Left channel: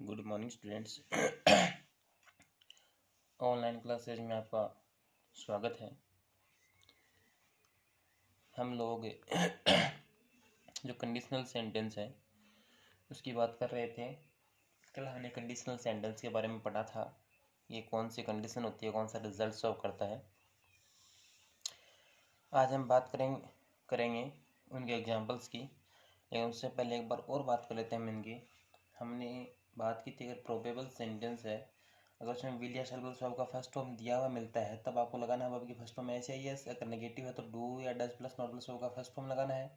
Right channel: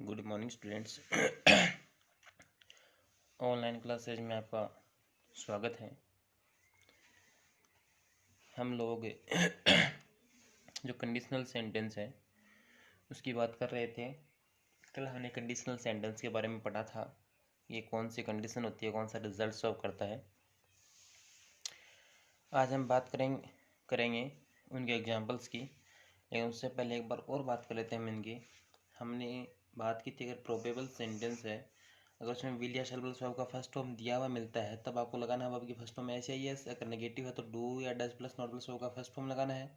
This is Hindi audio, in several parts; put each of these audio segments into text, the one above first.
Good morning students. Online classes में आपका स्वागत है। हम लोग जो कंडीशनल सेंटेंस है उसकी बात कर रहे थे। कल हमने कंडीशनल सेंटेंस के बारे में पढ़ा था, ये कौन सी कंडीशन होती है, कौन सा रिजल्ट सर्व करता है। आज हम बात करेंगे उनके एग्जांपल्स की, लेकिन उससे पहले एक बार और बात कर लेते हैं हम इनकी। हमने बात की थी अगर प्रोबेबल सेंटेंस है, अगर उसमें विल या शैल वर्ब का फर्स्ट फॉर्म दिया हुआ मिलता है तब आपको लगाना है वर्ब की फर्स्ट फॉर्म ऐसे ही है। अगर नेगेटिव है तो डू या does plus not plus verb का फर्स्ट फॉर्म लगाना है।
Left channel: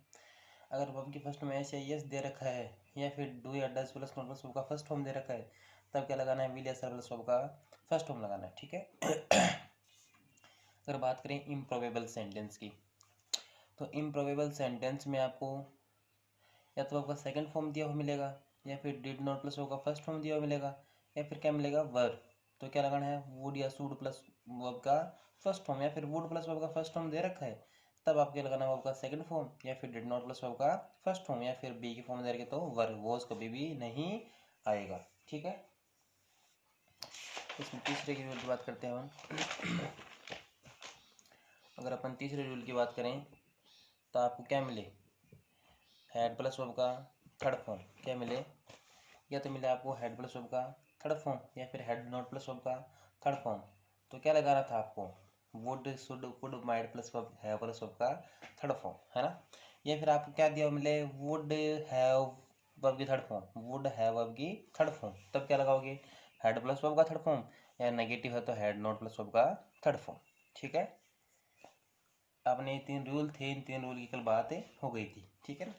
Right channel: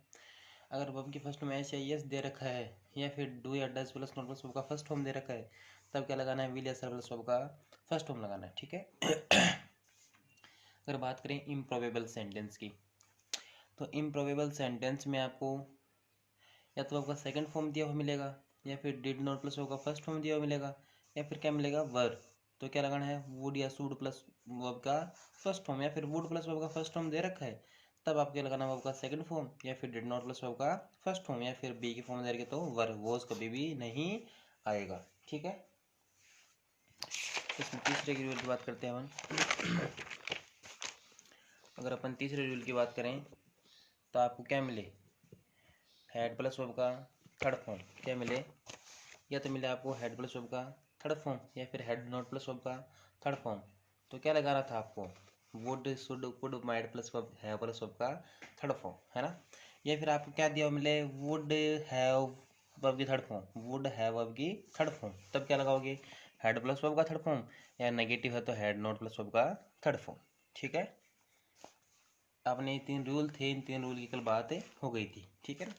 अगर वर्ब की फर्स्ट फॉर्म ऐसे ही दे रखा है या फिर डू या does plus not plus verb का फर्स्ट फॉर्म दे रखा है तब क्या लगाना है, विल या शैल वर्ब का फर्स्ट फॉर्म लगाना है। ठीक है। अगर बात करें इम्प्रोबेबल सेंटेंस की, तो इम्प्रोबेबल सेंटेंस में आपको या तो आपका सेकंड फॉर्म दिया हुआ मिलेगा या फिर डिड नॉट प्लस वर्ब का फर्स्ट फॉर्म दिया हुआ मिलेगा या फिर क्या मिलेगा, वर्ब। तो क्या लगाना है, वुड या शुड प्लस वर्ब का फर्स्ट फॉर्म, या फिर वुड प्लस वर्ब का फर्स्ट फॉर्म दे रखा है तब आपके लगाना वर्ब का सेकंड फॉर्म, या फिर डिड नॉट प्लस वर्ब का फर्स्ट फॉर्म, या फिर बी की फॉर्म दे रखे तो वर्ब, वॉज कभी भी नहीं आएगा। ठीक है। इसमें तीसरे की रूल की बात करते हैं अपन। अगर अपन तीसरे रूल की बात करें तो आपको क्या मिले, हेड प्लस वर्ब का थर्ड फॉर्म क्या मिले, या तो मिले आपको हेड प्लस वर्ब का थर्ड फॉर्म या फिर हेड नॉट प्लस वर्ब का थर्ड फॉर्म। तो क्या लगाना था आपको, would should could might plus verb have plus verb का थर्ड फॉर्म, है ना। या फिर आपको क्या दिया मिले, वुड हैव वर्ब की third form, would have verb की थर्ड फॉर्म, तब क्या लगाओगे, हेड प्लस वर्ब का थर्ड फॉर्म, या नेगेटिव है तो हेड नॉट प्लस वर्ब का थर्ड फॉर्म। ठीक है। आपने तीन रूल थे, इन तीन रूल की कल बात हो गई थी। ठीक है ना।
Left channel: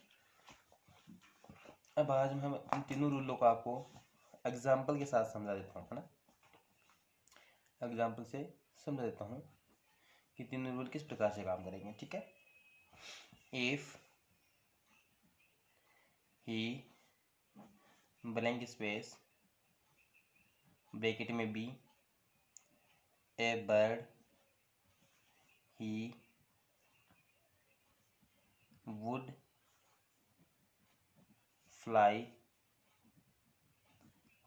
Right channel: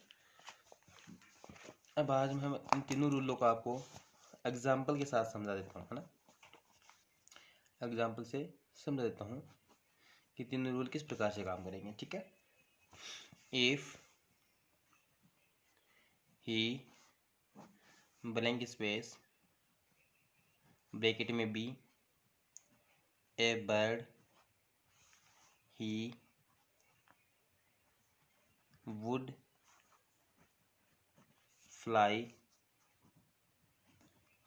अब आज हम इन तीनों रूलों को आपको एग्जाम्पल के साथ समझा देता हूँ, है ना। एग्जाम्पल से समझा देता हूँ कि तीनों रूल किस प्रकार से काम करेंगे। ठीक है। If he blank space bracket में B a bird he would fly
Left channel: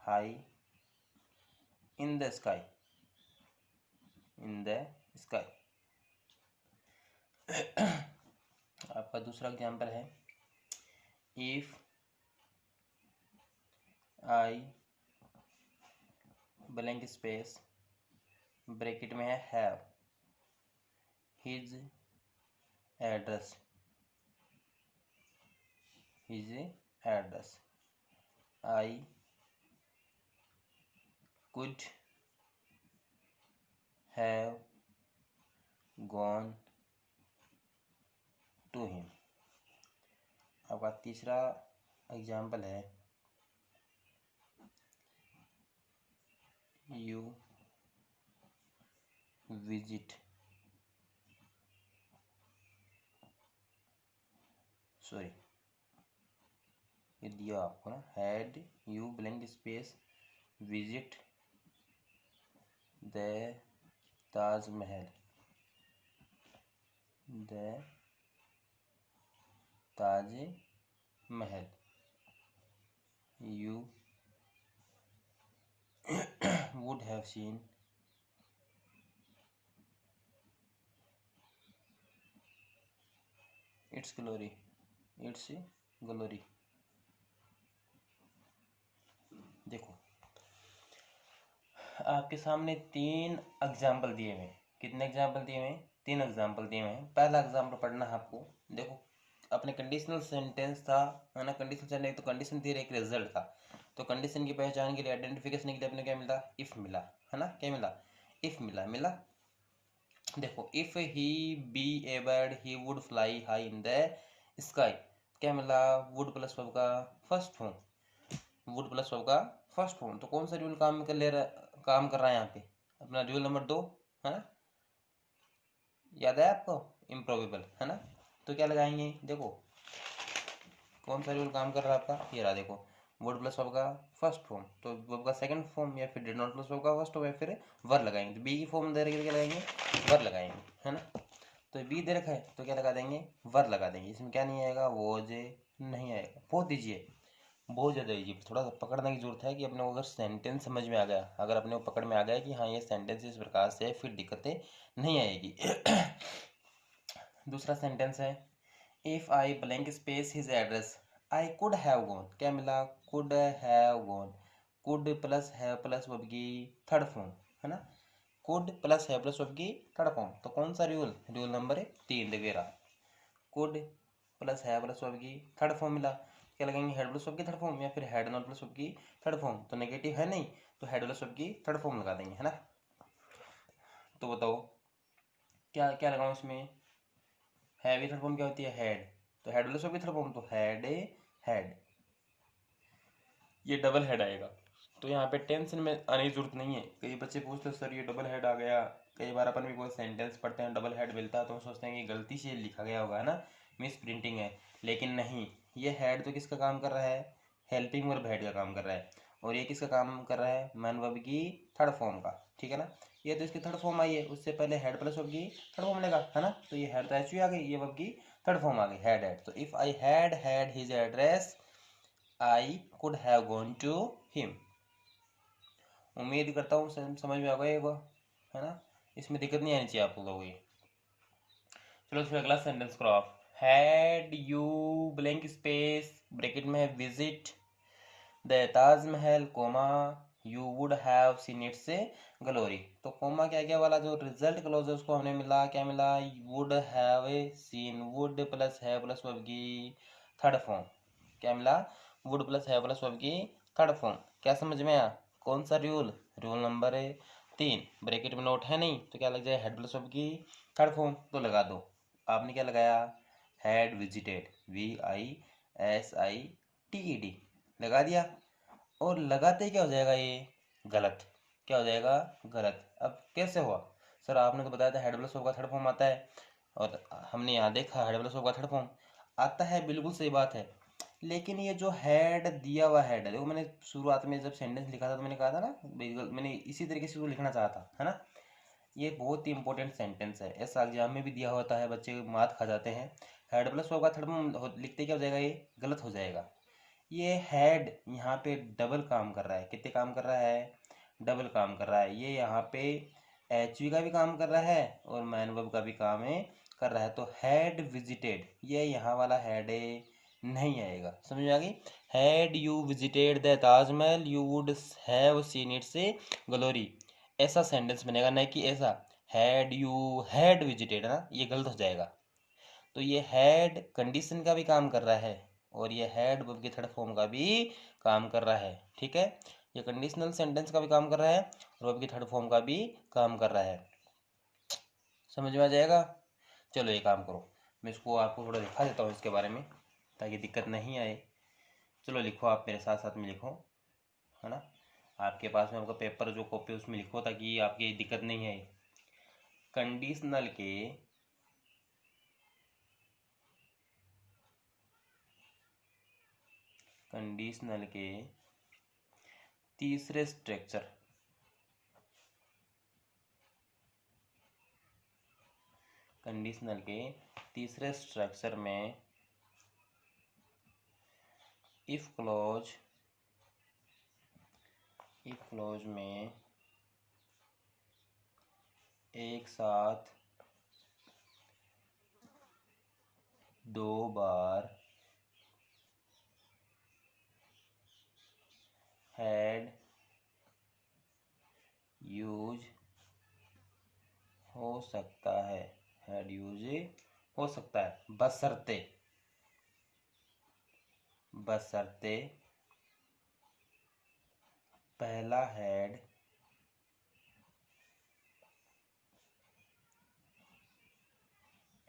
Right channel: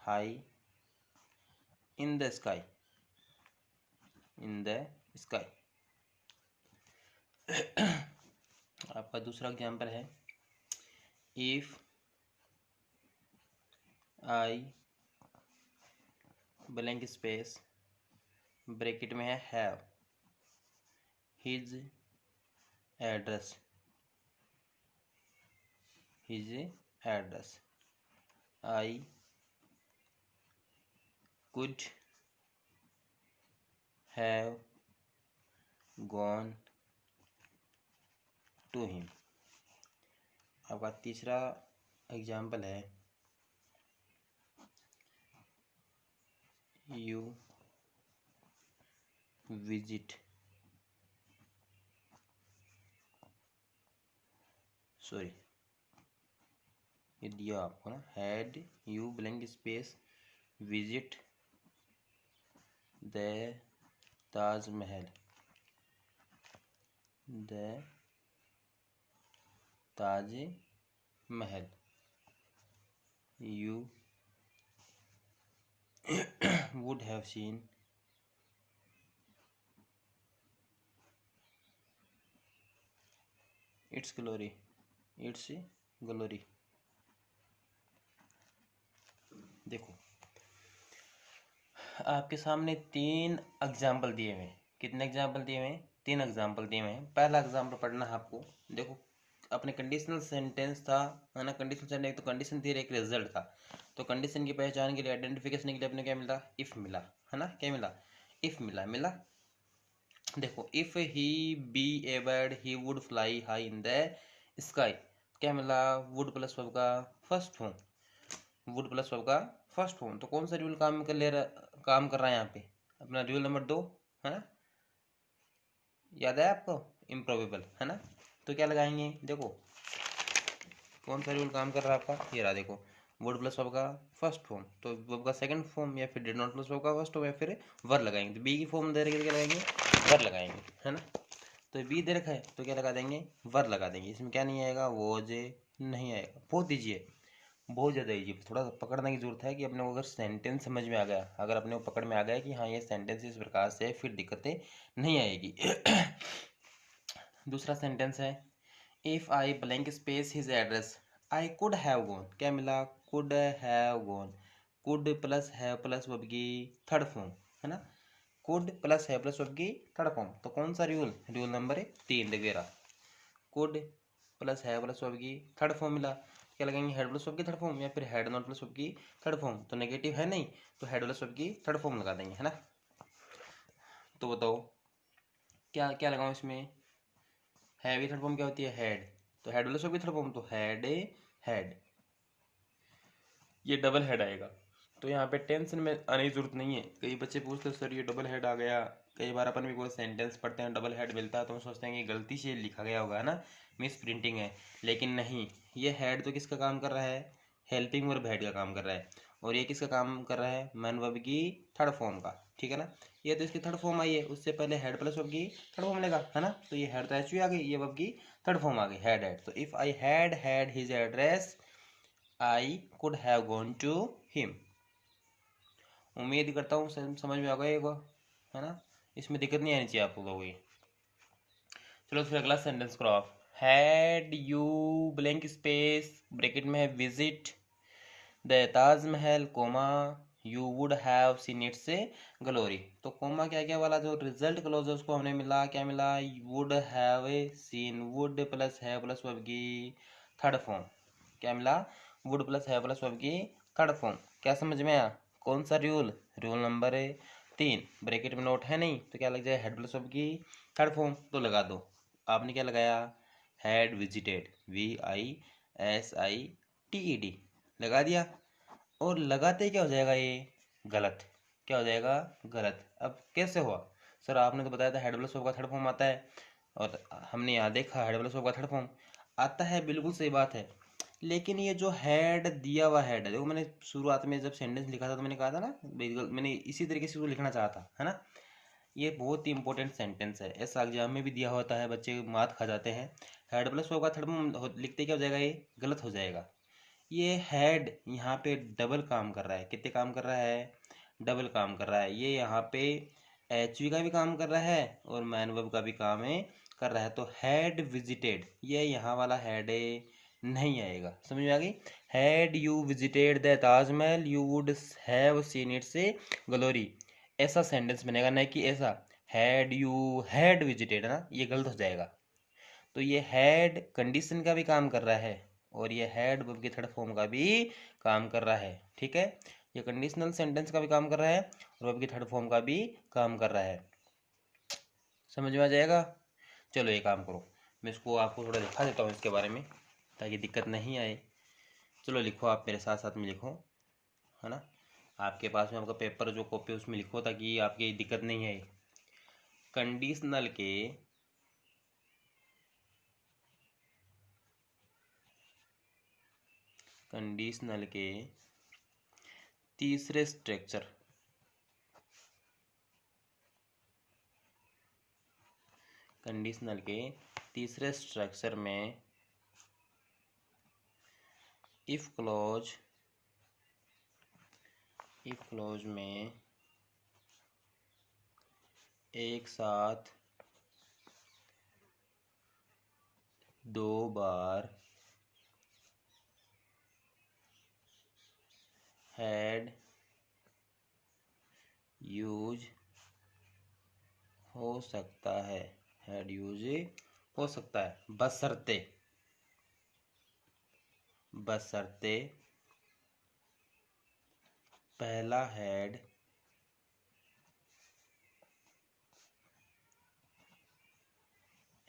high in the sky, in the sky. आपका दूसरा एग्जाम्पल है, if I blank space bracket में है have his address, his address I could have gone to him। आपका तीसरा एग्जाम्पल है, you visit सॉरी ये दिया आपको ना, had you blank space visit the Taj Mahal, the Taj Mahal, you would have seen its glory, its glory। देखो आपके सामने तीन एग्जाम्पल दिए हुए हैं। कितने एग्जाम्पल दिए हुए हैं, तीन एग्जाम्पल दिए हुए हैं। पहला एग्जाम्पल पढ़ना है आपको। देखो अपने कंडीशनल सेंटेंस था, है ना। कंडीशनल सेंटेंस तो कंडीशन थी, एक रिजल्ट था। तो कंडीशन की पहचान के लिए, आइडेंटिफिकेशन के लिए अपने क्या मिला, इफ मिला, है ना। क्या मिला, इफ मिला। देखो if he be a bird he would fly high in the sky, क्या मिला, वुड प्लस वर्ब का first form, would plus verb का फर्स्ट फॉर्म। तो कौन सा रूल काम कर रहा है यहाँ पे, अपना रूल नंबर 2, है ना। याद है आपको, इम्प्रोबेबल, है ना। तो क्या लगाएंगे, देखो कौन सा रूल काम कर रहा है आपका, ये रहा। देखो वुड प्लस वर्ब का फर्स्ट फॉर्म, तो वर्ब का सेकंड फॉर्म, या फिर डिड नॉट प्लस वर्ब का फर्स्ट फॉर्म, या फिर वर लगाएंगे। तो बी की फॉर्म दे रखे तो क्या लगाएंगे, वर लगाएंगे, है ना। तो बी दे रखा है तो क्या लगा देंगे, वर लगा देंगे। इसमें क्या नहीं आएगा, वोज नहीं आएगा। बहुत दीजिए बहुत ज़्यादा ईजी, थोड़ा सा पकड़ने की जरूरत है कि अपने को अगर सेंटेंस समझ में आ गया, अगर अपने को पकड़ में आ गया कि हाँ ये सेंटेंस इस प्रकार से है, फिर दिक्कतें नहीं आएगी। दूसरा सेंटेंस है, if I blank space his address I could have gone. क्या मिला? Could have gone. Could plus have plus verb की थर्ड फॉर्म है ना, could plus have plus verb की थर्ड फॉर्म। तो कौन सा रूल? रूल नंबर 3 वगैरह। Could plus have plus verb की थर्ड फॉर्म मिला, क्या लगाएंगे? हेड प्लस वर्ब की थर्ड फॉर्म, या फिर हेड नॉट प्लस वर्ब की थर्ड फॉर्म। तो नेगेटिव है नहीं, तो हेड प्लस वर्ब की थर्ड फॉर्म लगा देंगे, है ना। तो बताओ क्या क्या लगाऊं इसमें? है भी थर्ड फॉर्म क्या होती है? हेड। तो हेड प्लस वर्ब की थर्ड फॉर्म, तो हेड हेड, ये डबल हेड आएगा। तो यहाँ पे टेंशन में आने की जरूरत नहीं है। कई बच्चे पूछते हैं सर ये डबल हेड आ गया, कई बार अपन भी कोई सेंटेंस पढ़ते हैं डबल हेड मिलता है तो हम सोचते हैं कि गलती से लिखा गया होगा, है ना, मिस प्रिंटिंग है। लेकिन नहीं, ये हेड तो किसका काम कर रहा है? हेल्पिंग वर्ब हेड का काम कर रहा है। और ये किसका काम कर रहा है? मैन वर्ब की थर्ड फॉर्म का, ठीक है ना। ये तो इसकी थर्ड फॉर्म आई है, उससे पहले हेड प्लस वर्ब की थर्ड फॉर्म लेगा, है ना। तो ये हेड तो एच आ गई, ये वर्ब की थर्ड फॉर्म आ गई, हेड हेड। तो if I had had his address I could have gone to him. उम्मीद करता हूँ समझ में आ गया होगा, है ना। इसमें दिक्कत नहीं आनी चाहिए आप लोगों को। चलो फिर अगला सेंटेंस करो आप। Had you blank space bracket में है visit the Taj Mahal coma you would have seen it से ग्लोरी। तो कोमा क्या क्या वाला जो रिजल्ट क्लोज है उसको हमने मिला, क्या मिला? Would have a seen, would plus have plus verb की थर्ड फॉर्म। क्या मिला? Would plus have plus verb की थर्ड फॉर्म। क्या समझ में आया? कौन सा रूल? Rule number 3। ब्रैकेट में नोट है नहीं तो क्या लग जाए? हेड प्लस वर्ब की थर्ड फॉर्म, तो लगा दो। आपने क्या लगाया? हैड विजिटेड, VISITED लगा दिया। और लगाते क्या हो जाएगा? ये गलत। क्या हो जाएगा? गलत। अब कैसे हुआ? सर आपने तो बताया था हेड प्लस वर्ब का थर्ड फॉर्म आता है, और हमने यहाँ देखा हेड प्लस वर्ब का थर्ड फॉर्म आता है, बिल्कुल सही बात है। लेकिन ये जो हेड दिया हुआ हेड है, देखो मैंने शुरुआत में जब सेंटेंस लिखा था तो मैंने कहा था ना, मैंने इसी तरीके से उसको लिखना चाहा था, है ना। ये बहुत ही इंपॉर्टेंट सेंटेंस है, ऐसा एग्जाम में भी दिया होता है, बच्चे मात खा जाते हैं। हेड प्लस वर्ब का थर्ड फॉर्म लिखते क्या हो जाएगा? ये गलत हो जाएगा। ये हेड यहाँ पे डबल काम कर रहा है। कितने काम कर रहा है? डबल काम कर रहा है। ये यहाँ पे एचवी का भी काम कर रहा है और मैन वर्ब का भी काम है कर रहा है। तो हेड विजिटेड, ये यहाँ वाला हेड नहीं आएगा। समझ में आ गई? Had you visited the Taj Mahal you would have seen it से ग्लोरी, ऐसा सेंटेंस बनेगा, नहीं कि ऐसा हैड यू हैड विजिटेड, है ना, ये गलत हो जाएगा। तो ये हैड कंडीशन का भी काम कर रहा है और ये हैड वर्ब की थर्ड फॉर्म का भी काम कर रहा है, ठीक है। ये कंडीशनल सेंटेंस का भी काम कर रहा है और वर्ब की थर्ड फॉर्म का भी काम कर रहा है। समझ में आ जाएगा? चलो ये काम करो, मैं इसको आपको थोड़ा दिखा देता हूँ इसके बारे में ताकि दिक्कत नहीं आए। चलो लिखो, आप मेरे साथ साथ में लिखो, है ना। आपके पास में आपका पेपर जो कॉपी उसमें लिखो ताकि आपकी दिक्कत नहीं आए। कंडीशनल के कंडीशनल के तीसरे स्ट्रक्चर, कंडीशनल के तीसरे स्ट्रक्चर में इफ क्लॉज में एक साथ दो बार हैड यूज हो सकता है, हैड यूज हो सकता है, बशर्ते पहला हैड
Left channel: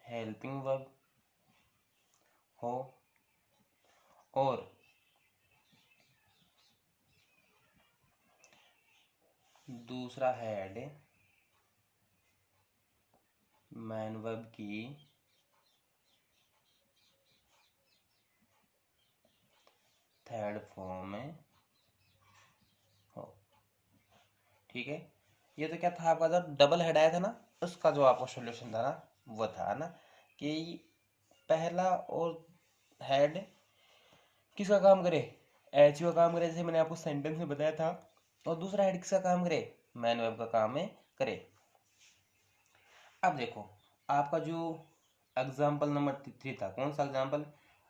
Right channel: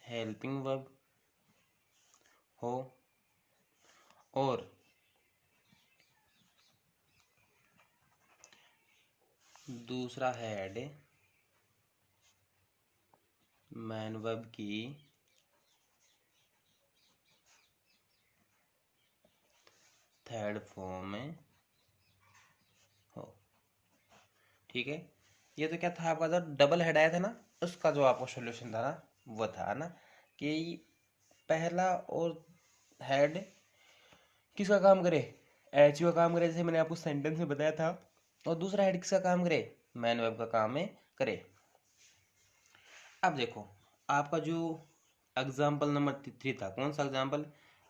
हेल्पिंग वर्ब हो और दूसरा हैड मैन वर्ब की थर्ड फॉर्म में हो, ठीक है। ये तो क्या था आपका, जो डबल हेड आया था ना, उसका जो आपका सॉल्यूशन था ना, वो था ना कि पहला और हेड किसका काम करे? एच का काम करे, जैसे मैंने आपको सेंटेंस में बताया था, और दूसरा हेड किसका काम करे, मैन वर्ब का काम में करे। अब देखो आपका जो एग्जाम्पल नंबर 3 था, कौन सा एग्जाम्पल,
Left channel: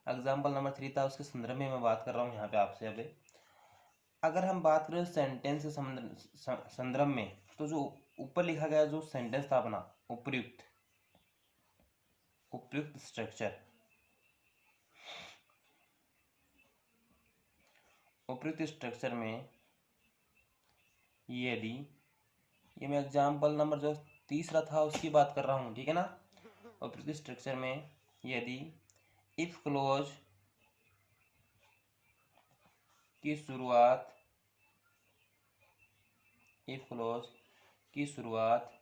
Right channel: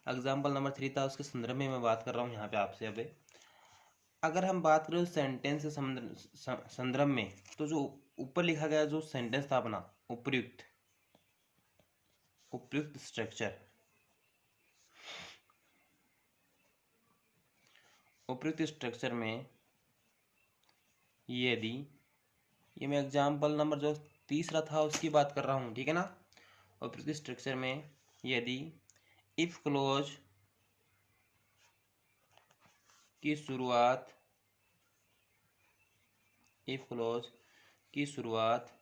एग्जाम्पल नंबर 3 था, उसके संदर्भ में मैं बात कर रहा हूँ यहाँ पे आपसे। अभी अगर हम बात करें सेंटेंस के संदर्भ में, तो जो ऊपर लिखा गया जो सेंटेंस था अपना, उपयुक्त, उपयुक्त स्ट्रक्चर, उपयुक्त स्ट्रक्चर में यदि, ये मैं एग्जाम्पल नंबर जो तीसरा था उसकी बात कर रहा हूँ, ठीक है ना। उपयुक्त स्ट्रक्चर में यदि इफ क्लोज की शुरुआत, इफ क्लोज की शुरुआत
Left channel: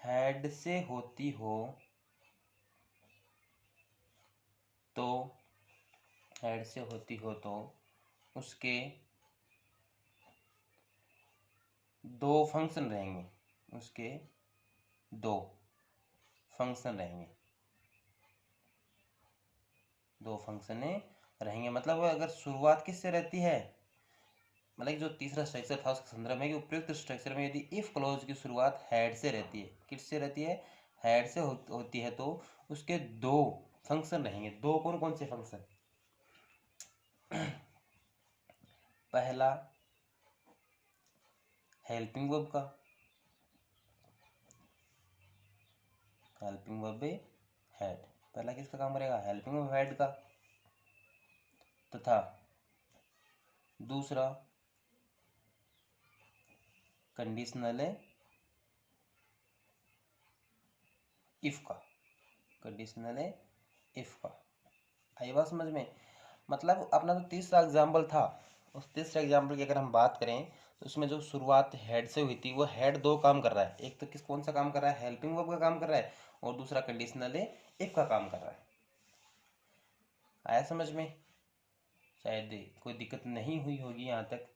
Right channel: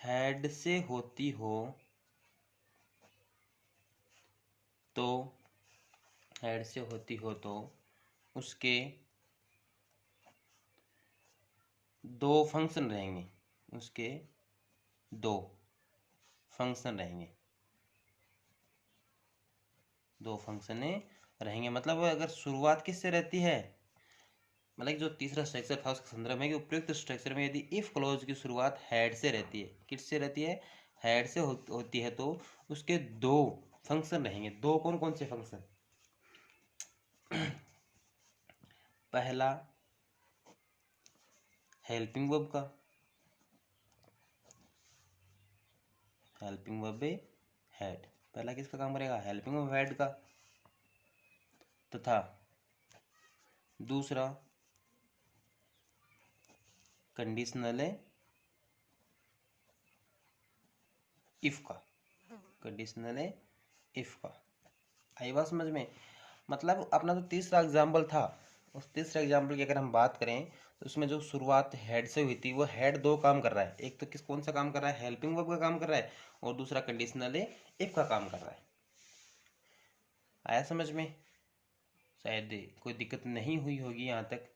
हेड से होती हो तो, हेड से होती हो तो उसके दो फंक्शन रहेंगे, उसके दो फंक्शन रहेंगे, दो फंक्शन रहेंगे। मतलब अगर शुरुआत किससे रहती है, मतलब जो तीसरा स्ट्रक्चर था उसका संदर्भ है कि उपयुक्त स्ट्रक्चर में यदि इफ क्लोज की शुरुआत हेड से रहती है, किससे रहती है, हेड से होती है, तो उसके दो फंक्शन रहेंगे। दो कौन कौन से फंक्शन, पहला हेल्पिंग वर्ब का, हेल्पिंग वर्ब हेड, पहला किसका काम करेगा, हेल्पिंग वर्ब हेड का, तथा दूसरा कंडीशनल इफ का, कंडीशनल इफ का। आई बात समझ में। मतलब अपना जो तीसरा एग्जाम्पल था, उस तीसरे एग्जाम्पल की अगर हम बात करें तो उसमें जो शुरुआत हेड से हुई थी, वो हेड दो काम कर रहा है। एक तो कौन सा काम कर रहा है, हेल्पिंग वर्ब का काम कर रहा है, और दूसरा कंडीशनल इफ का काम कर रहा है। आया समझ में। शायद कोई दिक्कत नहीं हुई होगी, यहाँ तक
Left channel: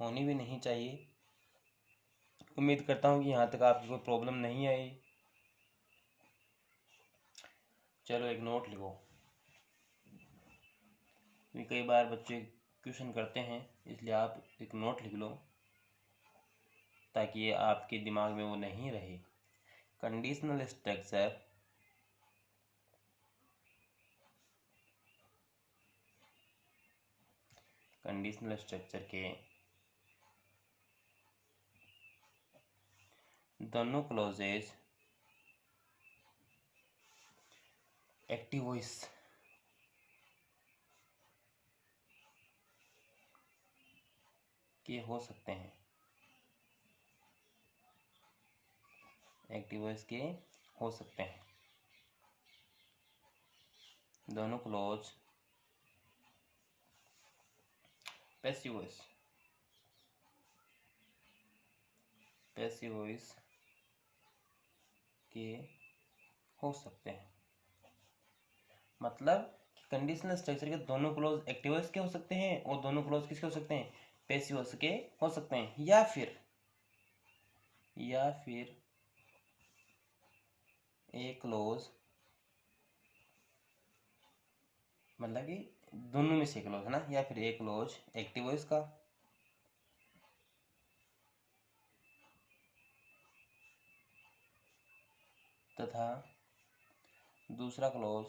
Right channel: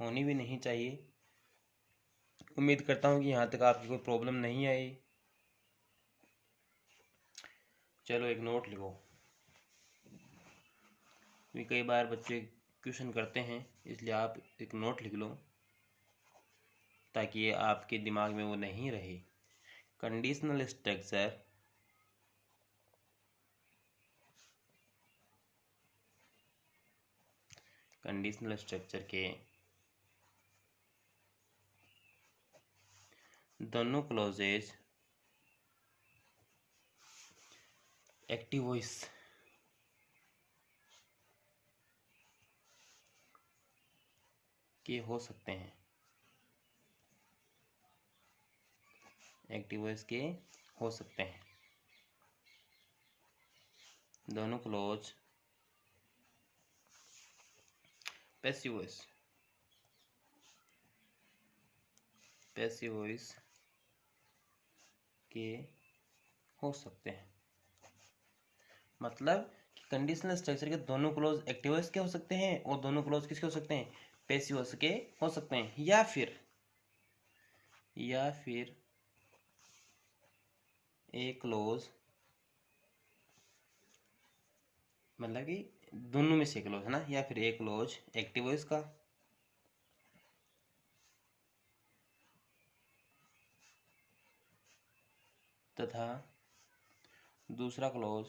होनी भी नहीं चाहिए। उम्मीद करता हूँ कि यहाँ तक आपकी कोई प्रॉब्लम नहीं आई। चलो एक नोट लिखो, कई बार बच्चे क्वेश्चन करते हैं, इसलिए आप एक नोट लिख लो ताकि ये आपके दिमाग में वो नहीं रहे। कंडीशनल स्ट्रक्चर, कंडीशनल स्ट्रक्चर के दोनों क्लॉजेज एक्टिव वॉइस के हो सकते हैं, एक्टिव वॉइस के हो सकते हैं। दोनों clause passive voice, passive voice के हो सकते हैं। मतलब कि कंडीशनल स्ट्रक्चर के दोनों क्लॉज एक्टिव वॉइस के हो सकते हैं और दोनों क्लॉज किसके हो सकते हैं, पैसिव वॉइस के हो सकते हैं। या फिर एक क्लॉज, मतलब कि दोनों में से क्लॉज है ना, या फिर एक क्लॉज एक्टिव वॉइस का तथा दूसरा क्लॉज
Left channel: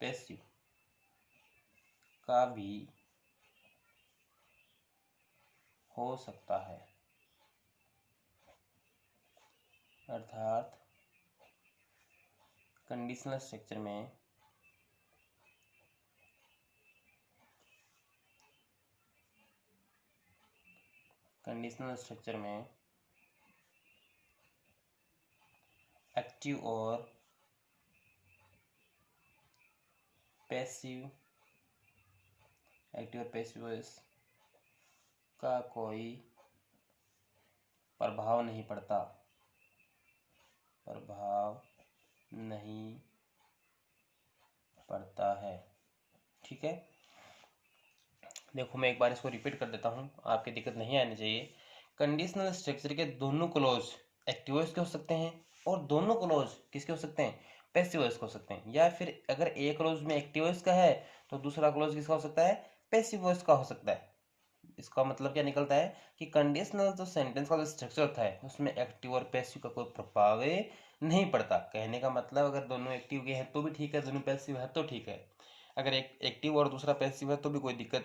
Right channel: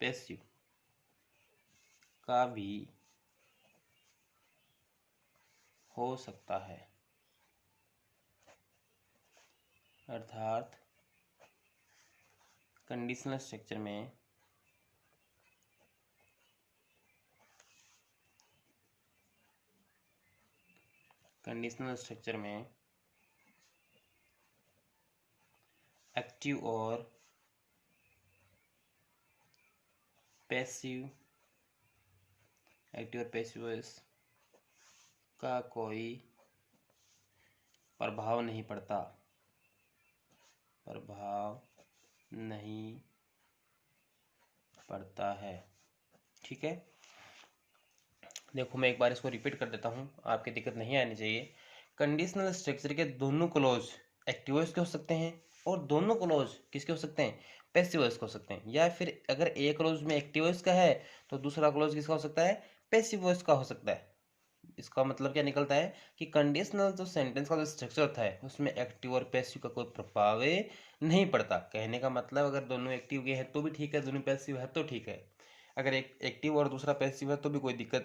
पैसिव का भी हो सकता है। अर्थात कंडीशनल स्ट्रक्चर में एक्टिव और पैसिव, वॉइस का कोई प्रभाव नहीं पड़ता है। ठीक है, देखो मैं एक बार इसको रिपीट कर देता हूँ, आपकी दिक्कत नहीं आनी चाहिए। कंडीशनल स्ट्रक्चर के दोनों क्लॉज एक्टिव वॉइस के हो सकते हैं और दोनों क्लोज किसके हो सकते हैं, पैसिव वॉइस के हो सकते हैं। या फिर अगर एक क्लोज में एक्टिव वॉइस का है तो दूसरा क्लोज किसका हो सकता है, पैसिव वॉइस का हो सकता है। इसका मतलब क्या निकलता है कि कंडीशनल जो सेंटेंस का जो स्ट्रक्चर होता है उसमें एक्टिव और पैसिव का कोई प्रभाव नहीं पड़ता। कहने का मतलब अगर दोनों एक्टिव के हैं तो भी ठीक है, दोनों पैसिव है तो ठीक है, अगर एक एक्टिव और दूसरा पैसिव है तो भी कोई दिक्कत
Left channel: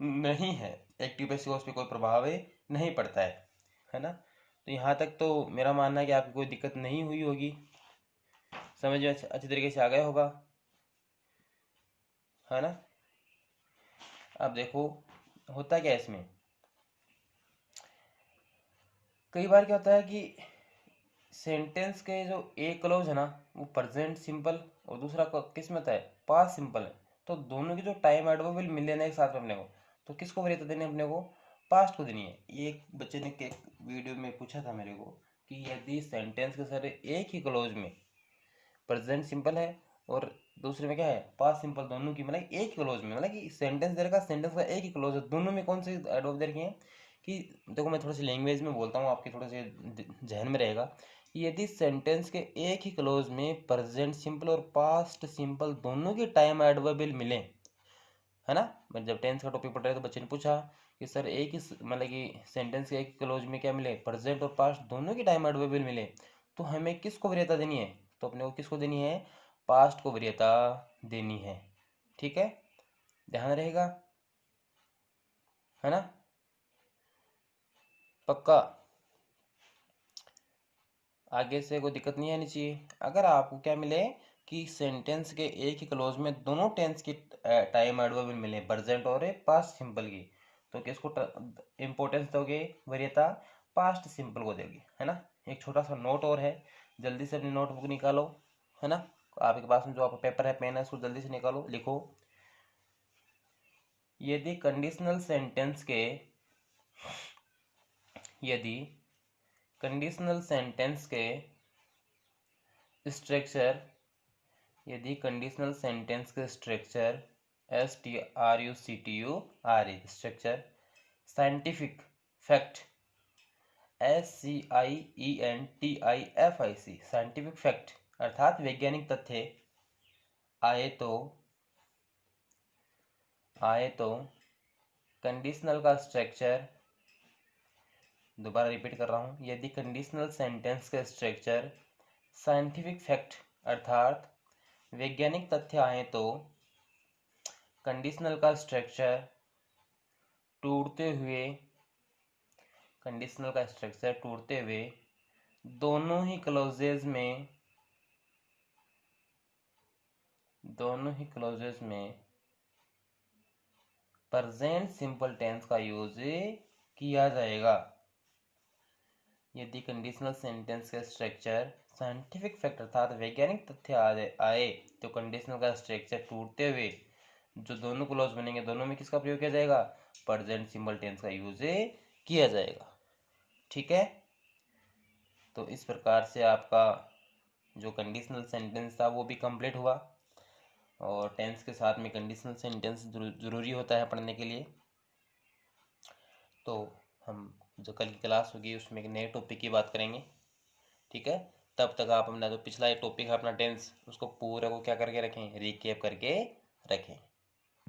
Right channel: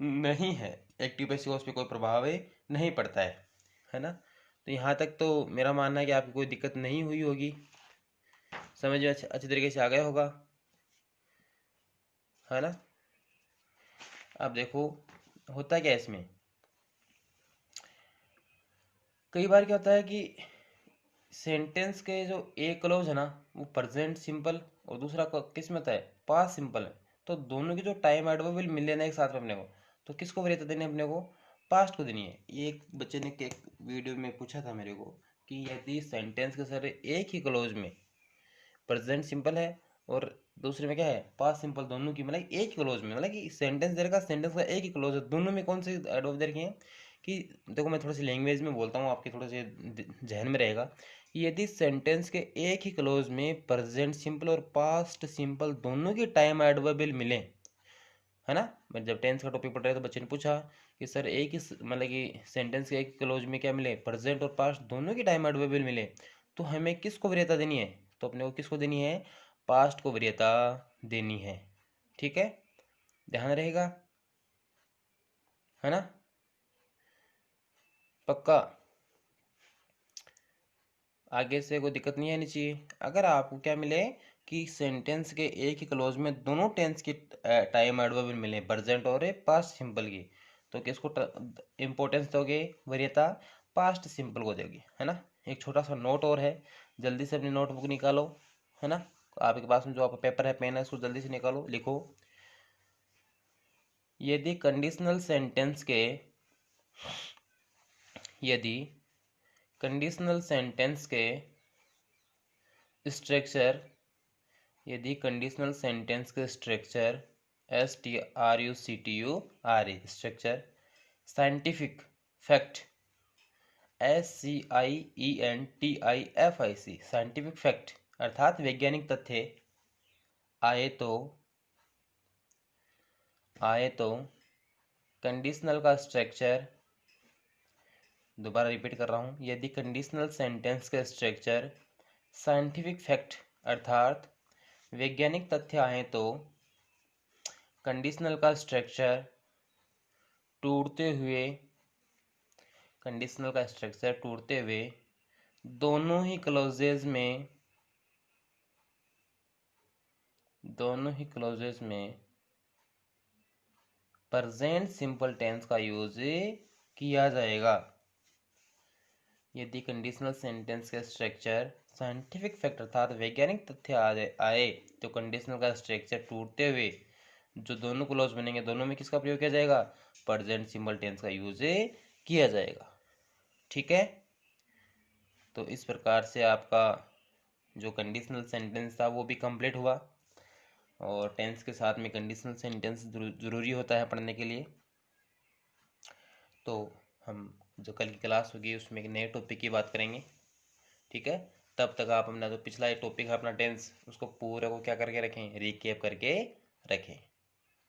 नहीं है, एक्टिव पैसिव उस पर कोई प्रभाव नहीं पड़ता है ना। तो यहाँ तक तो मेरा मानना है कि आपको कोई दिक्कत नहीं हुई होगी, समझ में अच्छी तरीके से आ गया होगा, है ना। अब देखो होता क्या है इसमें, कई बार क्या होता है कि सेंटेंस के जो एक क्लोज है ना वो प्रेजेंट सिंपल और दूसरा किस में होता है, पास्ट सिंपल है। तो दोनों की जो टाइम एडवर्ब मिल लेना एक साथ में अपने को, तो किसको वरीयता देनी है अपने को, पास्ट को देनी है। ये एक बच्चे ने एक वीडियो में पूछा था मेरे को कि यदि सेंटेंस के सारे एक ही क्लोज में प्रेजेंट सिंपल है और दूसरे में क्या है पास्ट सिंपल, दोनों की मतलब एक ही क्लोज में, मतलब कि सेंटेंस दे रखा, सेंटेंस का एक ही क्लोज है, दोनों में कौन से एडवर्ब दे रखे हैं कि देखो मैं थोड़ी सी लैंग्वेज में बोलता हूँ आपके थोड़े से जहन में रहेगा। यदि सेंटेंस के एक ही क्लोज में प्रेजेंट सिंपल और पास्ट सिंपल दोनों की टाइम एडवर्बियल मिले, है ना। मैं जब टेंस का टॉपिक पढ़ रहे तो बच्चे ने पूछा कि सर एक ही मतलब कि सेंटेंस के एक क्लोज में क्या मिले, प्रेजेंट और पास्ट दोनों की टाइम एडवर्बियल मिले, तो हमें किसको वरीयता देनी है, तो अपने को किसको देनी है, पास्ट को वरीयता देनी है। ठीक है, ध्यान रहेगा, है ना, पक्का। आगे से कोई दिक्कत नहीं आनी चाहिए। अगर आपको क्या मिले कि सेंटेंस के एक ही क्लोज में दोनों टेंस की टाइम एडवर्ब मिले, प्रेजेंट और पास्ट सिंपल की, तो किसको इंपॉर्टेंस दोगे, वरीयता पास्ट सिंपल को दोगे, है ना। एक छोटा सा नोट और है, जल्दी से अपनी नोटबुक निकालो, है ना। आपके पास में जो आपका पेपर है पेन है उसको जल्दी से निकालो, लिखो। यदि कंडीशनल सेंटेंस के यदि कंडीशनल सेंटेंस के स्ट्रक्चर यदि कंडीशनल सेंटेंस के structure STRUCTURE structure scientific fact SCIENTIFIC scientific fact अर्थात वैज्ञानिक तथ्य आए तो कंडीशनल का स्ट्रक्चर, दोबारा रिपीट कर रहा हूँ, यदि कंडीशनल सेंटेंस के स्ट्रक्चर साइंटिफिक फैक्ट अर्थात वैज्ञानिक तथ्य आए तो कंडीशनल का स्ट्रक्चर टूटते हुए दोनों ही क्लोजेज में प्रेजेंट सिंपल टेंस का यूज किया जाएगा। यदि कंडीशनल सेंटेंस के स्ट्रक्चर साइंटिफिक फैक्ट अर्थात वैज्ञानिक तथ्य आए तो कंडीशनल का स्ट्रक्चर टूटते हुए जो दोनों क्लोज बनेंगे दोनों में किसका प्रयोग किया जाएगा, प्रेजेंट सिंपल टेंस का यूज किया जाएगा। ठीक है, तो इस प्रकार से आपका जो कंडीशनल सेंटेंस था वो भी कंप्लीट हुआ, और टेंस के साथ में कंडीशनल सेंटेंस ज़रूरी होता है पढ़ने के लिए। तो हम जो कल की क्लास होगी उसमें एक नए टॉपिक की बात करेंगे। ठीक है, तब तक आप अपना जो पिछला एक टॉपिक है अपना टेंस उसको पूरे को क्या करके रखें, रिकैप करके रखें।